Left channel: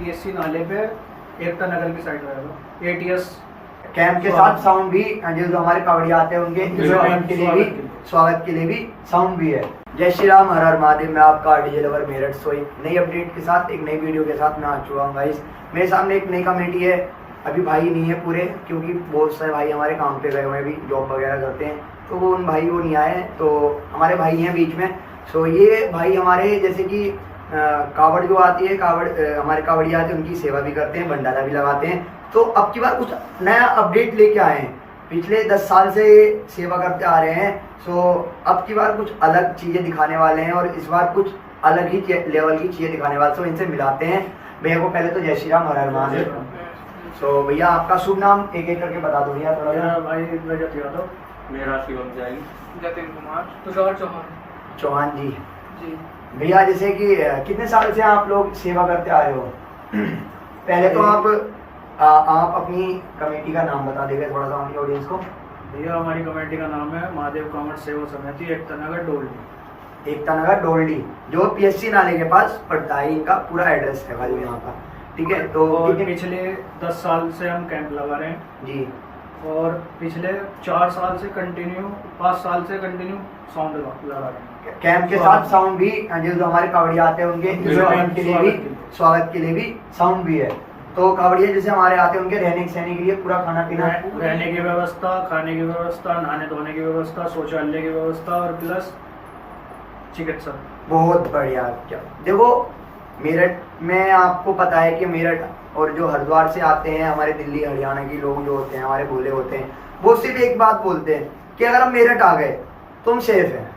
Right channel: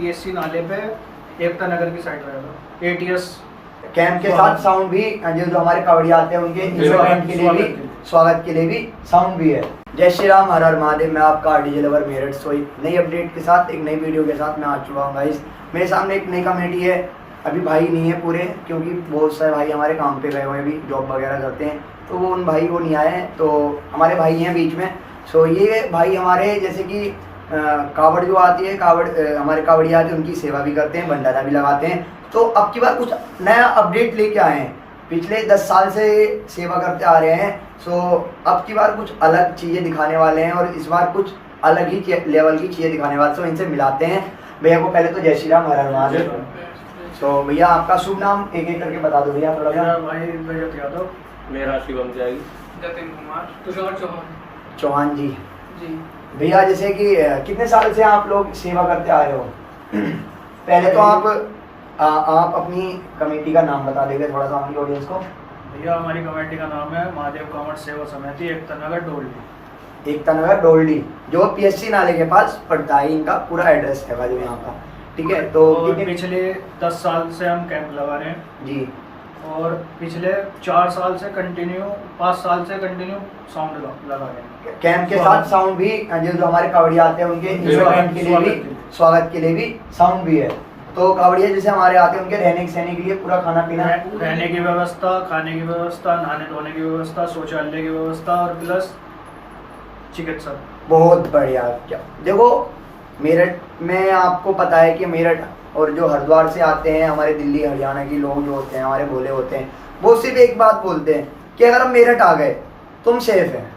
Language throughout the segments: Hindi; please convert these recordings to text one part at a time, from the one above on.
पीएससी नाले पे एकता नगर की साइड रहेगा। एटीएस कैंप के साथ साउंड भी, जो हमारे कावड़िया आते हैं उनके इंस्ट्रूमेंट के लिए भी, स्वागत के लिए भी साउंड भी है। जय श्री राम, हर हर महादेव। मैं आपका डीजे लवर मेरठ से एक नई अपडेट के साथ, एक नई वीडियो के साथ मैं आ चुका हूँ गाइस। मेरे सामने एक नई कमेटी है। अभी भाई नहीं है पूरे, क्योंकि बहुत सारे भाई हमारे काम पे गए हुए भी, जॉब वगैरह करते हैं, तो वो उन भाई वो नहीं आए हैं, तो हमारे भाई हैं बीच में। सो ये भाई हमारे जैसे कि कावड़ जो आती है, कावड़ हमारे कावड़िया आते हैं, उनकी सेवा भी करते हैं, भंडारा भी लगाते हैं। तो अब की बार कुछ नया अपडेट लेके आए हैं। पिछले 10 साल से सेवा करते आ रहे हैं, सो अब की बार कुछ अलग चीज़ें दिखाने वाले हैं और इस बार कुछ अलग ही लेवल की चीज़ें दिखाने वाले। सो इनसे मिलाते हैं भैया को। पहले तो जय श्री राम, हर हर महादेव। सो भैया आपका शुभ नाम एक एक करके बता दो भैया थोड़ा सा। भाई रजत यादव, मेरा शिवम जाएगी, जतिन कुमार, तुषार चौहान जी। जी। भैया जैसे कि कितने साल से आप लोग सेवा करते आ रहे हो? पहले तो आप अपनी कमेटी का नाम बता देंगे थोड़ा सा हमारी ऑडियंस को। भैया हमारी कमेटी का नाम है महादेव कांवड़ सेवा समिति एकता नगर डोली। एकता नगर डोल्डी, जो पीएससी नाले के पास पड़ता है। इनका पूरा एड्रेस है भाई यहाँ का, ठीक है। तो पिछले 10 साल से हम कैंप लगा रहे हैं जी, और पिछले 4 साल से कंटिन्यू, 5 साल से कंटिन्यू साउंड लगा रहे हैं। कैंप के साथ साउंड भी, जो हमारे कावड़िया आते हैं उनके इंस्ट्रूमेंट के लिए भी, स्वागत के लिए भी साउंड भी है। तो कावड़िया जैसे हमारे आते हैं, उनके रहने सहने के लिए पूरा खाना पीना, रहने की व्यवस्था, खाने की व्यवस्था, नहाने धोने की व्यवस्था, शौचालय की व्यवस्था और प्लस चिकित्सा। बहुत बढ़िया। क्या देखो, मेरठ में आपको पता है कि मेरठ और जो हरिद्वार से आते हैं हमारे दिल्ली हरियाणा के लोग जो होते हैं, हमारे भोले होते हैं, वो सिर्फ एक बात बोलते हैं कि अगर हम मेरठ आ गए तुम सेफ है,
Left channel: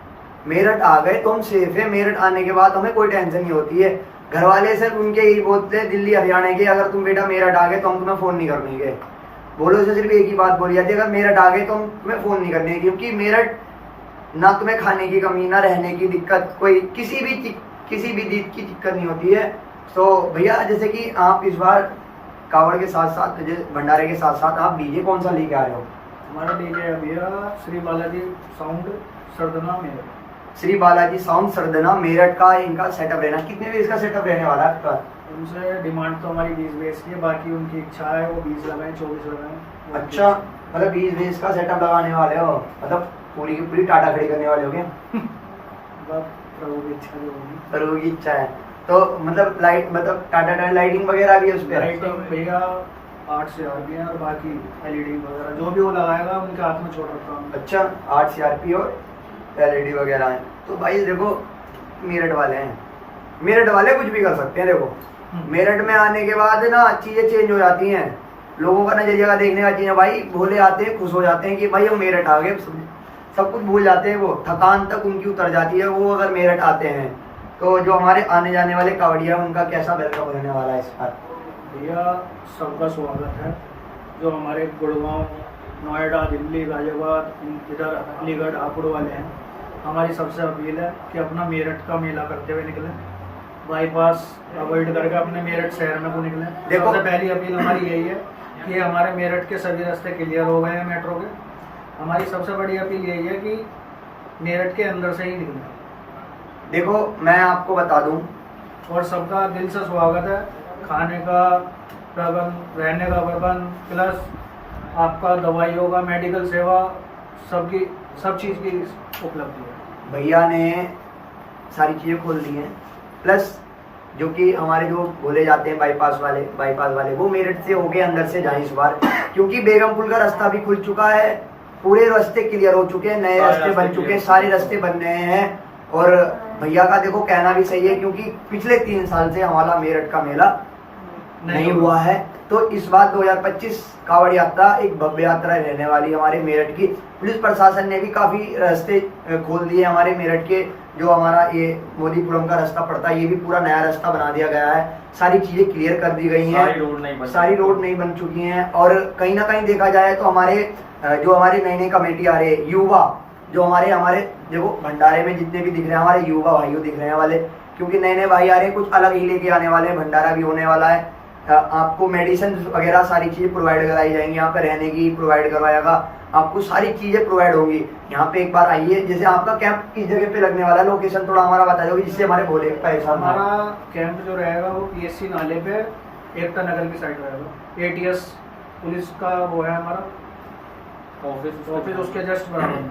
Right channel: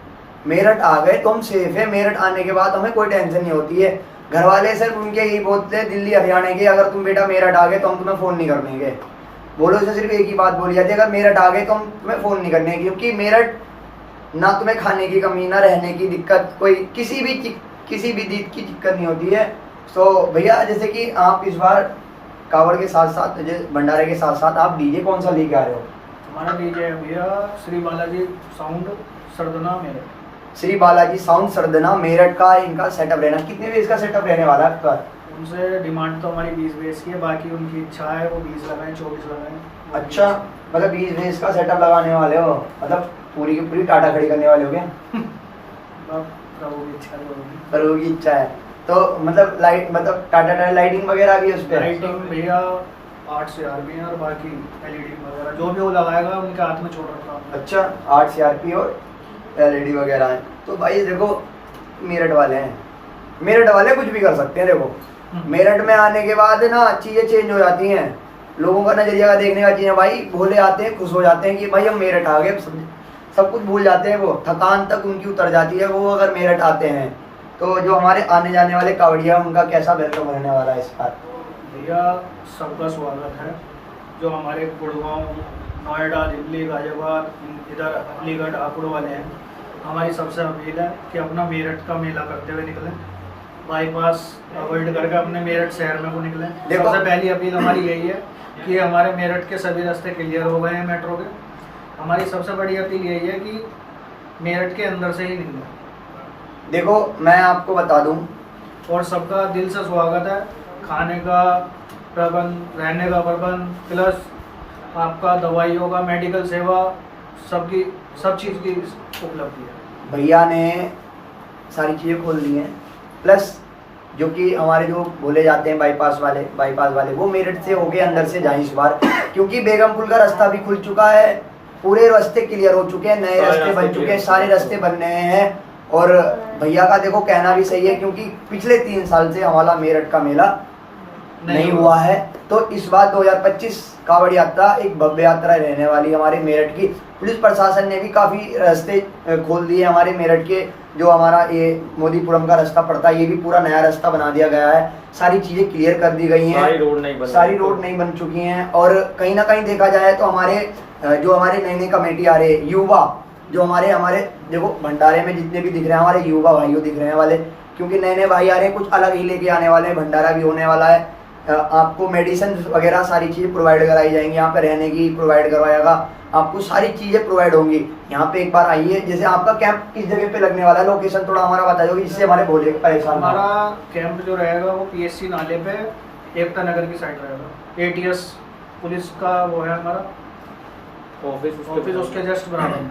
मेरठ आ गए तुम सेफ है। मेरठ आने के बाद हमें कोई टेंशन नहीं होती है। घर वाले सिर्फ उनके यही बोलते हैं दिल्ली हरियाणा के, अगर तुम बेटा मेरठ आ गए तो हम तुम्हें फ़ोन नहीं करने गए। बोलो से सिर्फ एक ही बात बोली जाती है, अगर मेरठ आ गए तो हम तुम्हें फ़ोन नहीं करने, क्योंकि मेरठ ना तुम्हें खाने की कमी, ना रहने की दिक्कत, कोई किसी भी चीज़ की दिक्कत नहीं होती है। तो भैया जैसे कि आप इस बार कावड़ के साथ साथ, भंडारे के साथ साथ आप डीजे कौन सा लेके आ रहे हो? हमारा डीजे है भैया श्री बालाजी साउंड सरदना मेरठ। श्री बालाजी साउंड सरदना मेरठ का इनका सेटअप रहना। कितने बेस का सेटअप रहने वाला है आपका? उनसे डिमांड तो हमारी 20 बेस की है, बाकी उनकी इच्छा है वो 20 लगाएं, 24 लगाएं। अच्छा, मतलब 20 बेस का सेटअप लगाने वाले हो, मतलब पूरी की पूरी टाटा खड़ी करने वाले हो क्या? प्रभु की इच्छा भी होगी। प्रभु की इच्छा है तो मतलब लाइट, मतलब टाटा लाइटिंग वगैरह भी है उस पर? लाइटिंग भैया 8 CRP है और बाकी LED वगैरह जो भी वो लगाएगा उनके हाथ में छोड़ रखा है। अच्छा, 8 CRP और LED वगैरह है। तो भाई देखो, मेरठ वाले हैं, मेरठ वाले कुछ भी कर सकते हैं। देखो मेरठ में आने के बाद ना चीज़ें चेंज हो जाती हैं, लोगों का नजरिया का देखने का चीज़ें। भाई भोले आते हैं, खुश हो जाते हैं कि भाई हम मेरठ आ गए, सब कुछ भूल जाते हैं, वो थकान तक उनकी उतर जाती है वो अगर मेरठ आते हैं। तो जो हमारे आने जाने वाले कावड़िया, उनका कैसा वेलकम रहने वाला है इस बार? भैया सबका स्वागत है। जो हमारे गुड़गांव, नोएडा, दिल्ली, गाजियाबाद, इधर अलीगढ़, आकुड़ वाले हैं, हमारी सबसे अपील है कि अपना मेरठ का मेला करते हुए निकलें, बाईपास अवॉइड करके अपने मेरठ शहर में को निकलें। सबसे पहली अपील हमारी यही है कि हमारे मेरठ के सभी रास्ते क्लियर हो गए हैं मेट्रो के। हमारी सबसे बड़ी अपील यही है कि मेरठ के अंदर से ही निकलें। देखो मैं आपको बता दूं, और सबका दिल से स्वागत है। खाने का प्रबंध, रहने का प्रबंध, प्लस आपका दवाइयों का, मेडिकल सेवा, सब चीज़ की उपलब्धि है। भैया ने सारी चीज़ें खोल दी हैं। प्लस जो कि हमारे जो बोले जाते हैं बाईपास वाले वो मेरठ से होके अंदर से जाएं इस बार, क्योंकि बेगमपुल का रास्ता भी खुल चुका है, पूरे रास्ते क्लियर हो चुके हैं, नए रास्ते बन चुके हैं, सारे रास्ते बन रहे हैं। और भैया का देखो कहना भी सही है, क्योंकि पिछले 3 साल से हमारा मेरठ का मेला नहीं हुआ है। तो इस बार 2025 कावड़ यात्रा एक भव्य यात्रा रहने वाली हमारे मेरठ की। पुलिस प्रशासन ने भी काफ़ी रास्ते खोल दिए हमारे मेरठ के। जो हमारा ये मोदीपुरम का रास्ता पड़ता है, ये भी पूरा नया रास्ता बना दिया गया है, सारी चीज़ें क्लियर कर दी गई हैं, सारी रोड नहीं बन चुकी हैं। और कहीं ना कहीं देखा जाए तो हमारे जो हमारे नई कमेटी आ रहे युवा, जो हमारे देखो भंडारे में जितने भी दिख रहे हैं हमारे युवा भाइयों दिख रहे हैं वाले, क्योंकि नए भाई आ रहे हैं, कुछ अलग ही लेके आने वाले हैं। भंडारा भी होने वाला है, आपको मेडिसिन वगैरह सारी चीज़ प्रोवाइड कराई जाएंगी, यहाँ पे रहने की प्रोवाइड करवाएगा, आपको सारी चीज़ें प्रोवाइड होंगी। यहाँ पे एक बार आइए, जैसे आपका कैंप किस जगह पे लगने वाला है, लोकेशन थोड़ा हमारा बता दो जिससे हमारे बोले परेशान। हमारा कैंप जो रहेगा वो पीएससी नाले पे एकता नगर की साइड रहेगा। ATS पुलिस का वो है हमारा ऑफिस, उसके जस्ट बराबर में।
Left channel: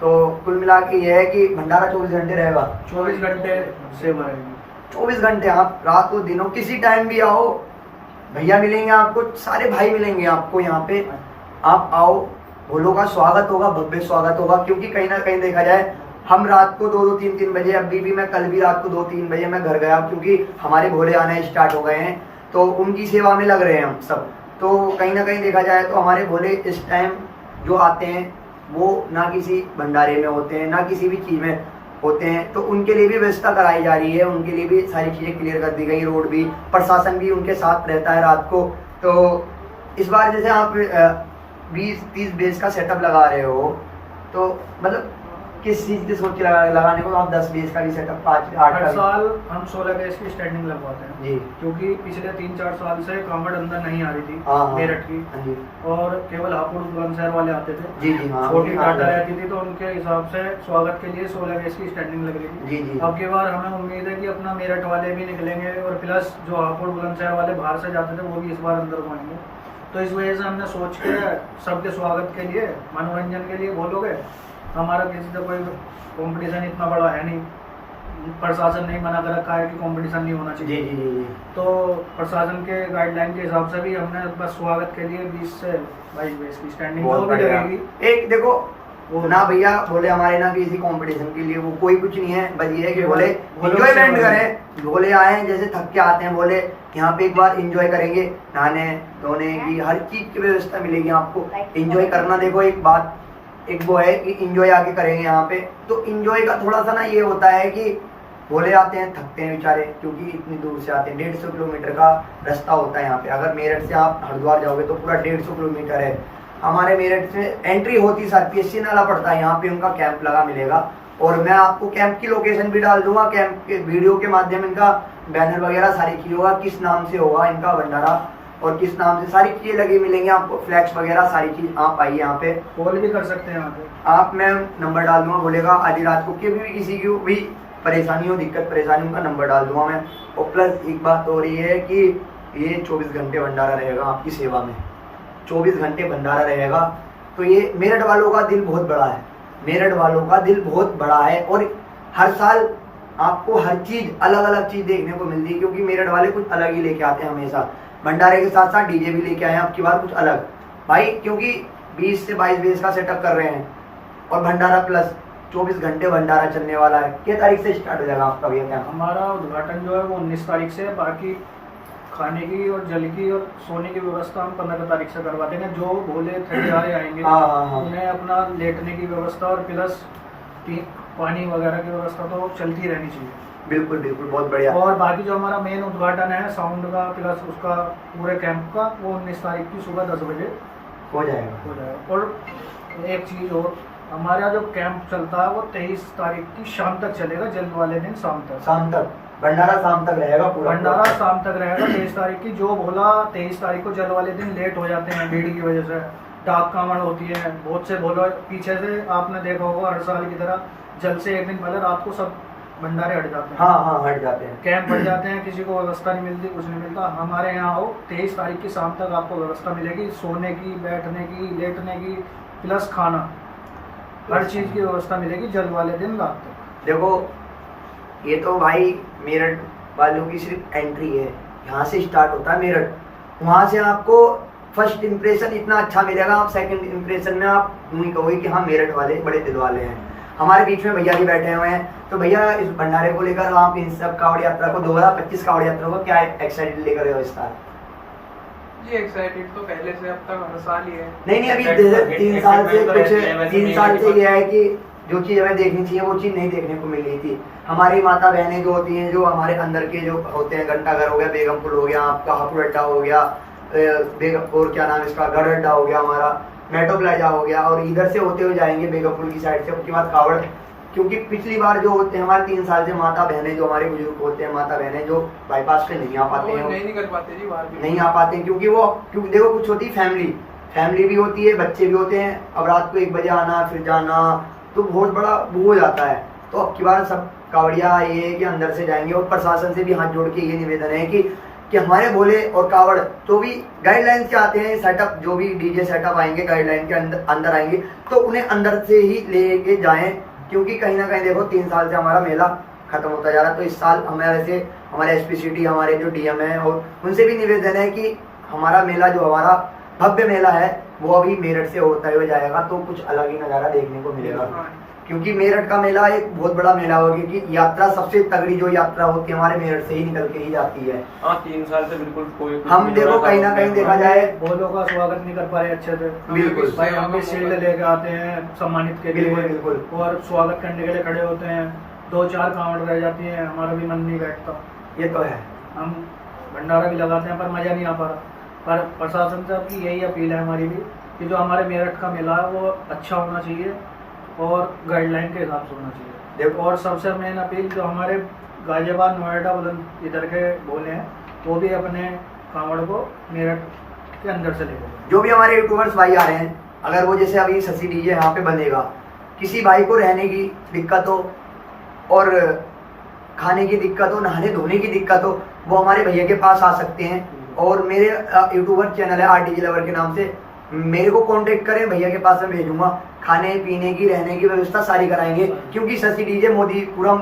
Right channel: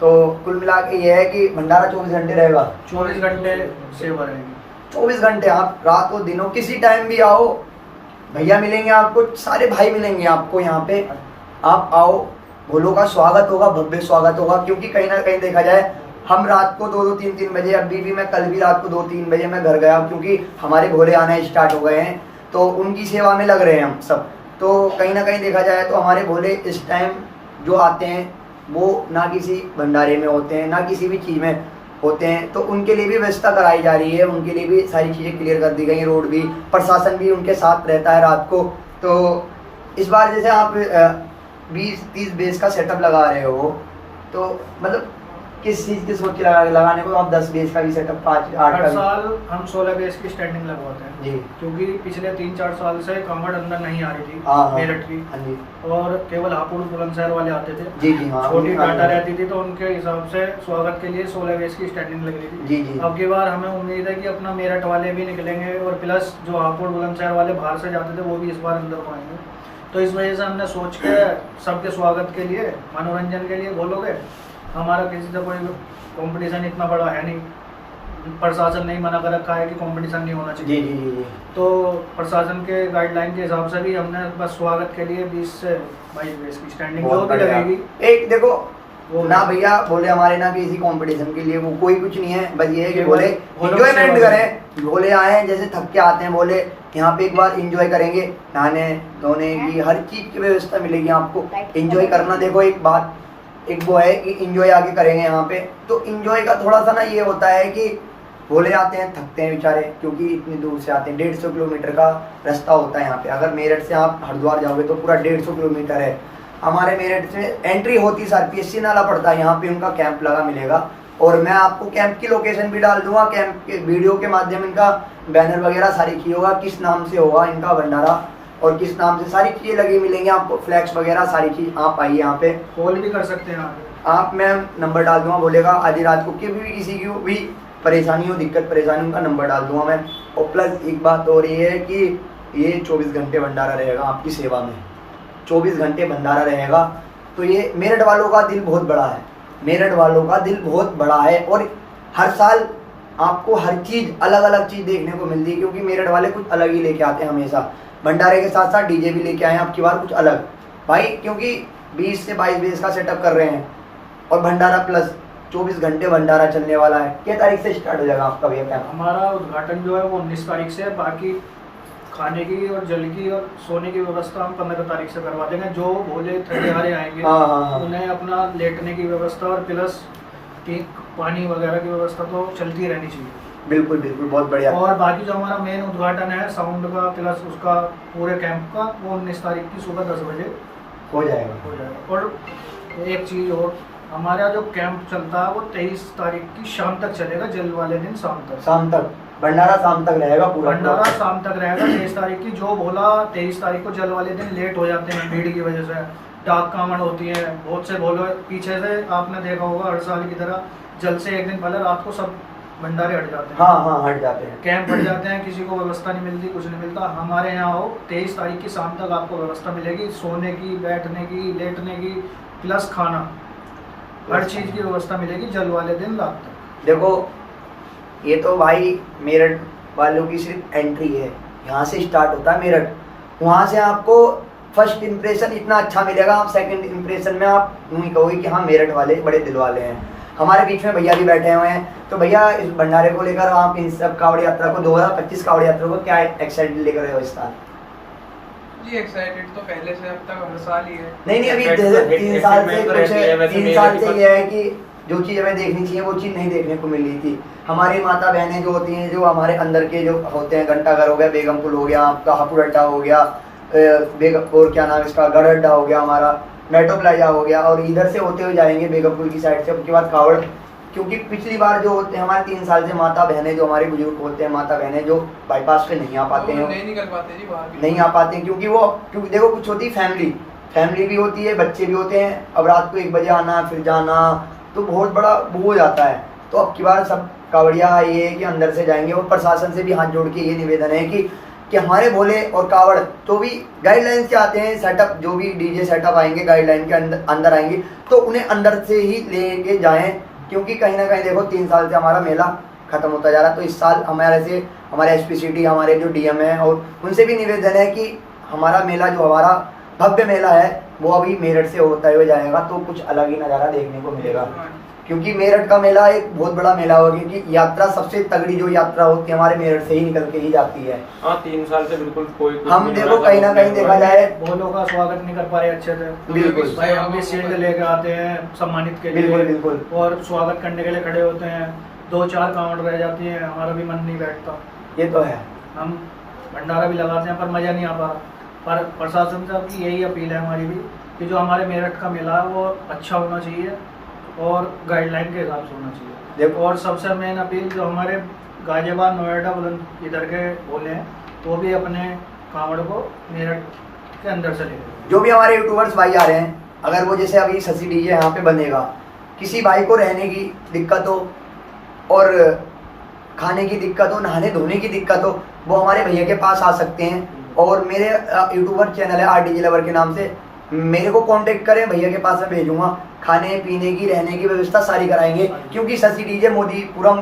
तो कुल मिला के ये है कि भंडारा 24 घंटे रहेगा। 24 घंटे सेवा रहेगी। 24 घंटे, आप रात को दिनों किसी टाइम भी आओ, भैया मिलेंगे आपको, सारे भाई मिलेंगे आपको यहाँ पे। आप आओ, भोलों का स्वागत होगा, भव्य स्वागत होगा। क्योंकि कहीं ना कहीं देखा जाए, हम रात को 2-2, 3-3 बजे, अभी भी मैं कल भी रात को 2-3 बजे मैं घर गया, क्योंकि हमारे भोले आना स्टार्ट हो गए हैं, तो उनकी सेवा में लग रहे हैं हम सब। तो कहीं ना कहीं देखा जाए तो हमारे भोले इस टाइम जो आते हैं वो ना किसी भंडारे में होते हैं, ना किसी भी चीज़ में होते हैं। तो उनके लिए भी व्यवस्था कराई जा रही है, उनके लिए भी सारी चीज़ें क्लियर कर दी गई, रोड भी, प्रशासन भी उनके साथ रहता है रात को। तो इस बार जैसे आप 20-30 बेस का सेटअप लगा रहे हो, तो मतलब किस चीज़ की सोच के लगाने को आप 10 बेस का भी सेटअप, 5-8 हर का साल हम 16 बेस की स्टैंडिंग लगवाते हैं जी। क्योंकि पिछले 3-4 साल से कांवड़ अंदर नहीं आ रही थी हाँ, मेरठ की, हाँ जी और केवल हापुड़ बुलंदशहर वाले आते थे। जी जी हाँ, छोटी हाँ, टाटा रहती थी, तो उनके हिसाब से स्वागत के लिए 16 बेस की स्टैंडिंग लग रही थी। जी जी अब की बार हमें उम्मीद है कि अपना मेरठ वाले भी निकलेंगे, और प्लस जो हापुड़ बुलंदशहर वाले बाहर से जाते थे वो भी इस बार अंदर को आएंगे। तो इस वजह से हमने सोच के सबके स्वागत के लिए, मनोरंजन के लिए बोलोगे, हमारा किसी से कोई कंपटीशन इतना बड़ा है नहीं, प्रशासन ने ही मना कर रखा है कि कंपटीशन नहीं होना जी चाहिए। जी जी जी। तो प्रशासन के गाइडलाइन के हिसाब से भी हमने बस स्वागत के लिए 20 से 22 बेस की स्टैंडिंग जो बहुत भी बढ़िया। लगेगी। एक देखो वो ना भैया बोले हमारे ना किसी कंपटीशन के लिए वो कोई कुछ नहीं है, बस ये है कि केवल बोले वो लोग एंजॉयमेंट सेवा करें। बोले आए हैं जैसे थक के आते हैं, बोले यहाँ पे एक बार एंजॉय करेंगे, नहाने धोने की हर चीज की व्यवस्था मिलेगी आपको। एंजॉय करना, देखो एक बात, एक वो है कि एंजॉय आगे करेंगे यहाँ पे। तो एंजॉय का थोड़ा सा ना ये होता है कि बोले आते हैं, थकते हैं बेचारे, क्योंकि इतनी दूर से आते हैं। 150 किलोमीटर का रास्ता होता है यहाँ पे। अगर मेरठ से आप हरिद्वार जाओगे तो पूरा 150 किलोमीटर है। हमारे मेरठ में एंट्री होती PSC नाला पड़ता है, यहाँ पे उनका कैंप लगा मिलेगा। और मैं आपको कैंप की लोकेशन भी डाल दूंगा, कैंप के वीडियो के माध्यम, इनका बैनर वगैरह सारी चीज़ होगा, किस नाम से होगा इनका भंडारा और किस नाम से सारी चीज़ें लगी मिलेंगी आपको, फ्लैक्स वगैरह सारी चीज़। आप आइए यहाँ पे, कॉल भी कर सकते हैं यहाँ पे। आप, मैं नंबर डाल दूंगा, बोलेगा आधी रात को कि भी किसी की भी परेशानी हो, दिक्कत परेशानी का नंबर डाल दूंगा मैं। और प्लस एक बात हो रही है कि ये 24 घंटे भंडारा रहेगा आपकी सेवा में, 24 घंटे भंडारा रहेगा। तो ये मेरठ वालों का दिल बहुत बड़ा है, मेरठ वालों का दिल बहुत बड़ा है। और हर साल आपको हर चीज़, अलग अलग चीज़ देखने को मिलती है, क्योंकि मेरठ वाले कुछ अलग ही लेके आते हैं हमेशा। भंडारे के साथ साथ डीजे भी लेके आए हैं आपकी बार कुछ अलग भाई, क्योंकि 20 से 22 बेस का सेटअप कर रहे हैं। और भंडारा प्लस 24 घंटे भंडारा चलने वाला है। किस तारीख से स्टार्ट हो जाएगा आपका भैया कैंप? हमारा उद्घाटन जो है वो 19 तारीख से, बाकी खाने की और जल की और सोने की व्यवस्था हम 15 तारीख से करवा देंगे। जो भोले थकेहारे आएंगे हाँ। उन्हें अपना लेटने की व्यवस्था और प्लस पानी वगैरह की व्यवस्था तो चलती रहनी चाहिए। बिल्कुल बिल्कुल, बहुत बढ़िया। और बाकी जो हमारा मेन उद्घाटन है साउंड का प्लस उसका पूरे कैंप का, वो 19 तारीख की सुबह 10 बजे हो जाएगा। और एक चीज़ और, हमारा जो कैंप चलता है वो 23 तारीख की शाम तक चलेगा, जल वाले दिन शाम तक भंडारा शाम तक रहेगा पूरा। भंडारा शाम तक रहेगा 23 तारीख की। जो बोला 23 तारीख को जल वाले दिन लेट हो जाते हैं भीड़ की वजह से, डाक कांवड़ होती है, बहुत से बोलो पीछे से आपने देखा होगा हर साल की तरह जल से एक दिन पहले रात को सब भंडारे हट जाते हैं। हाँ हट जाते हैं, कैंप हट जाते हैं, किसी को व्यवस्था नहीं मिलती, कुछ नहीं मिलता। हमारे यहाँ आओ, 23 तारीख की शाम तक आपको व्यवस्था मिलेगी, सोने की, बैठने की, लेटने की, प्लस खाना, हर चीज़ की व्यवस्था मिलेगी जल वाले दिन रात तक। देखो ये तो भाई मेरठ वालों की सिर्फ एंट्री है, यहाँ से स्टार्ट होता है मेरठ। वहाँ से आपको फर्स्ट इंप्रेशन इतना अच्छा मिलेगा, आप सेकंड इंप्रेशन में आप यूँ ही कहोगे कि हाँ मेरठ वाले बड़े दिल वाले हैं। हमारे बीच में भैया भी बैठे हुए हैं। तो भैया इस भंडारे को लेकर आप इन सब कावड़ यात्रा को 2025 कावड़ यात्रा को क्या एक्साइटेड लेकर रहे हो इस साल? जी एक्साइटेड तो पहले से अब तक हर साल ही है। नहीं अभी 3 साल से कुछ 3 साल से ये है कि जो चीज़ हमें देखनी चाहिए वो चीज़ नहीं देखने को मिल रही थी। हमारी माता बहनें जो होती हैं, जो हमारे अंदर के जो होते हैं, घंटाघर हो गया, बेगमपुर हो गया, आपका हापुड़ अड्डा हो गया, और क्या नाम इसका, गढ़ अड्डा हो गया, हमारा मेट्रो प्लाजा हो गया, और इधर से होते हुए जाएंगे बेगमपुर की साइड से, उसके बाद कावड़। क्योंकि पिछली बार जो होते हैं हमारे 3 साल से माता बहनें, जो हमारे बुजुर्ग होते हैं, माता बहनें जो बाईपास पे नहीं आ पाते हैं, नहीं निकल पाते जी बाहर भी। नहीं आ पाते हैं, क्योंकि देखो कुछ होती है फैमिली भी होती है, बच्चे भी होते हैं। अब रात को 1 बजे आना फिर जाना तो बहुत बड़ा वो हो जाता है। तो अब की बार सब कावड़िया ये है कि अंदर से जाएंगे। और प्रशासन से भी हाथ जोड़ के ये निवेदन है कि कि हमारे भोले और कावड़ तो भी गाइडलाइन से आते हैं, सेटअप जो भी डीजे सेटअप आएंगे गाइडलाइन के अंदर आएंगे तो उन्हें अंदर से ही लेके जाएं, क्योंकि कहीं ना कहीं देखो 3 साल से हमारा मेला खत्म होता जा रहा है। तो इस साल हमारे एसपीसीटी हमारे जो डीएम हैं और उनसे भी निवेदन है कि हमारा मेला जो हमारा भव्य मेला है वो अभी मेरठ से होता हुआ जाएगा तो कुछ अलग ही नज़ारा देखने को मिलेगा, क्योंकि मेरठ का मेला एक बहुत बड़ा मेला होगा कि यात्रा सबसे तगड़ी जो यात्रा होती है हमारे मेरठ से ही निकल के ही जाती है। हाँ 3 साल से बिल्कुल कोई कुछ हम नहीं देखो हो रहा कहीं था, ना कहीं देखा जाए भोलों का स्वागत नहीं कर पा रहे अच्छे से। बिल्कुल भाई हम भी शील्ड लेकर आते हैं सम्मानित के लिए, बिल्कुल बिल्कुल और स्वागत करने के लिए खड़े होते हैं, 2-4 कावड़ रह जाती है, हमारा भी मन नहीं बैठता। ये तो है। हम भंडारा भी लगाते हैं पर मज़ा नहीं आ पा रहा। पर प्रशासन से की यही अपील है हमारी भी कि जो हमारे मेरठ का मेला है वो अच्छा होना चाहिए और गाइडलाइन के हिसाब से होना चाहिए। और सबसे मेन अपील जो हमारे गाजियाबाद नोएडा बुलंद इधर के भोले हैं वो भी अपने कांवड़ को मेरठ के अंदर से ले। जो भी हमारे यूट्यूबर्स भाई आ रहे हैं, अगर वो जैसे अभी शशि डीजे यहाँ पे बनेगा, किसी भाई को रहने की दिक्कत हो और खाने की दिक्कत हो, नहाने धोने की दिक्कत हो, वो हमारे भैया के पास आ सकते हैं। और मेरे यूट्यूबर चैनल है आरटीजी लवर के नाम से, मेरे को कांटेक्ट करें, भैया के पास मैं भेजूंगा, खाने पीने की रहने की व्यवस्था सारी कराएंगे। क्योंकि शशि डीजे मोदीपुरम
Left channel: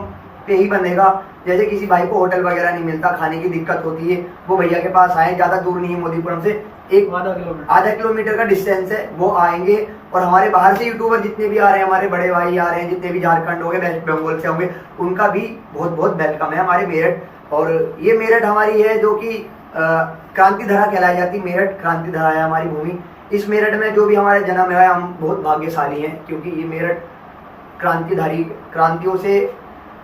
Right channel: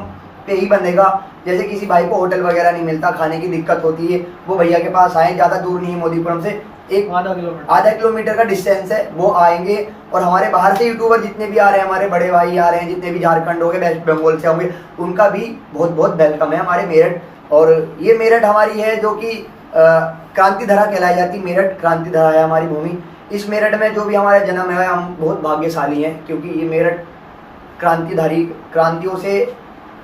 पे ही बनेगा, जैसे किसी भाई को होटल वगैरह नहीं मिलता, खाने की दिक्कत होती है, वो भैया के पास आए, ज़्यादा दूर नहीं है मोदीपुरम से, एक आधा किलोमीटर का डिस्टेंस है, वो आएंगे। और हमारे बाहर से यूट्यूबर जितने भी आ रहे हैं, हमारे बड़े भाई आ रहे हैं, जितने भी झारखंड हो गए, वेस्ट बंगाल से होंगे, उनका भी बहुत बहुत वेलकम है हमारे मेरठ। और ये मेरठ हमारी है जो कि क्रांति धरा कहलाई जाती, मेरठ क्रांति धरा है हमारी भूमि। इस मेरठ में जो भी हमारा जन्म है, हम बहुत भाग्यशाली हैं, क्योंकि ये मेरठ क्रांतियों से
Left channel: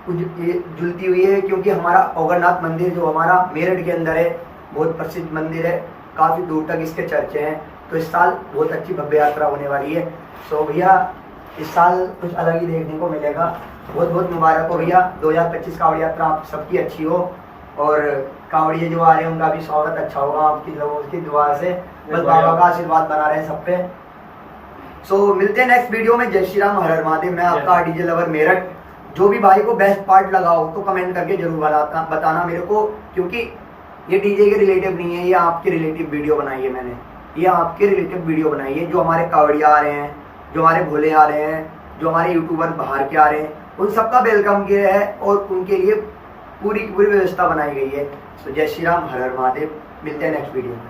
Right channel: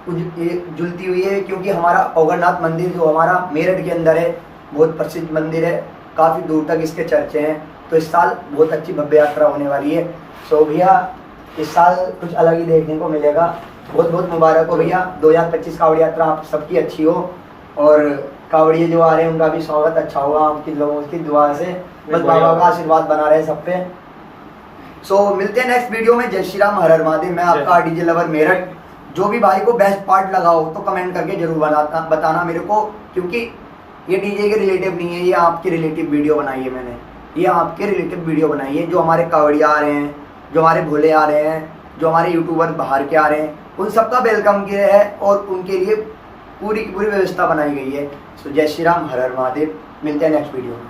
जुलती हुई है। क्योंकि हमारा ओगरनाथ मंदिर जो हमारा मेरठ के अंदर है, बहुत प्रसिद्ध मंदिर है, काफ़ी दूर तक इसके चर्चे हैं। तो इस साल बहुत अच्छी भव्य यात्रा होने वाली है। सो भैया इस साल कुछ अलग ही देखने को मिलेगा। बहुत बहुत मुबारक हो भैया, 2025 कावड़ यात्रा आप सबकी अच्छी हो, और कावड़िए जो आ रहे हैं उनका भी स्वागत अच्छा होगा आपकी लोगों की दुआ से, बस बाबा का आशीर्वाद बना रहे सब पे। सो मिलते हैं नेक्स्ट वीडियो में। जय श्री राम, हर हर महादेव। मैं आपका डीजे लवर मेरठ। जो भी भाई को बेस्ट पार्ट लगा हो तो कमेंट करके जरूर बताना मेरे को, क्योंकि ये डीजे के रिलेटिव नहीं है, ये आपके रिलेटिव वीडियो बनाई है मैंने, ये आपके रिलेटिव वीडियो बनाई है। जो हमारे कावड़िया आ रहे हैं, जो हमारे भोले आ रहे हैं, जो हमारे यूट्यूबर बाहर के आ रहे हैं, उन सबका वेलकम किया है और उनके लिए पूरी व्यवस्था बनाई गई है। सो जय श्री राम, हर हर महादेव। मिलते हैं नेक्स्ट वीडियो में।